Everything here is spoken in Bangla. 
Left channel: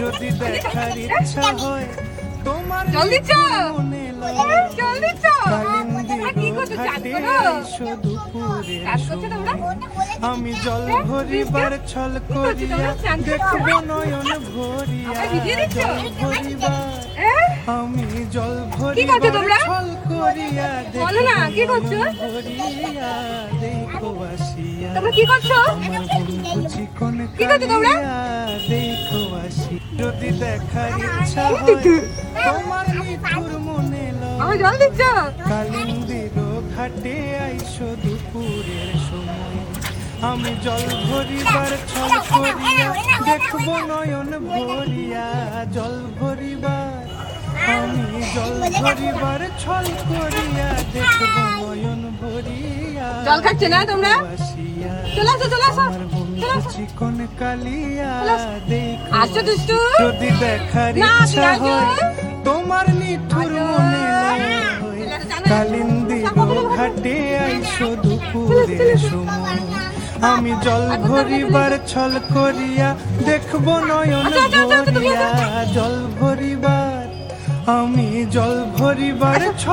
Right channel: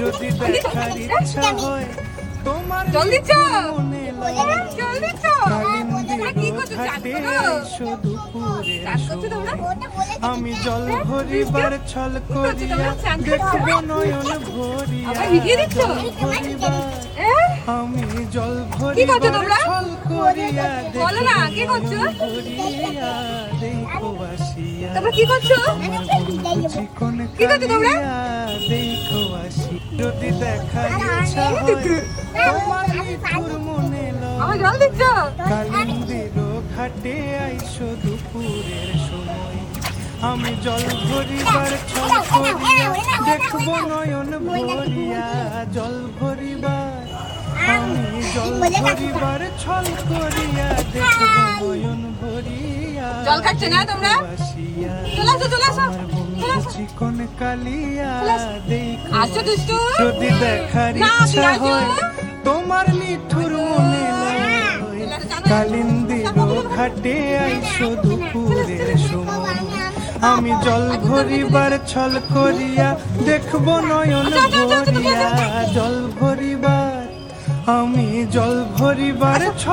যদি দেখার ইচ্ছা হয় তোমার মনে কালিন্দির ঘাটে আইসো দুপুরের সময় আমি জল ভরিবার ছল করিয়া দেখবো নয়ন ভরিয়া জল ভরিবার আমি জল ভরিবার ছল করিয়া দেখবো নয়ন ভরিয়া দেখো আসিয়া আমার বন্ধু চিকন কালিয়া দেখো আসি যদি দেখার ইচ্ছা হয় তোমার নিঠুর মনে কালিন্দির ঘাটে আইসো দুপুরের সময় আমি জল ভরিবার ছল করিয়া দেখবো নয়ন ভরিয়া জল ভরিবার আমি জল ভরিবার ছল করিয়া দেখবো নয়ন ভরিয়া বাসিয়া আমার বন্ধু চিকন কালিয়া দেখো যদি দেখার ইচ্ছা হয় তোমার নিঠুর মনে লয় কালিন্দির ঘাটে আইসো দুপুরের সময় আমি জল ভরিবার ছল করিয়া দেখবো নয়ন ভরিয়া জল ভরিবার আমি জল ভরিবার ছল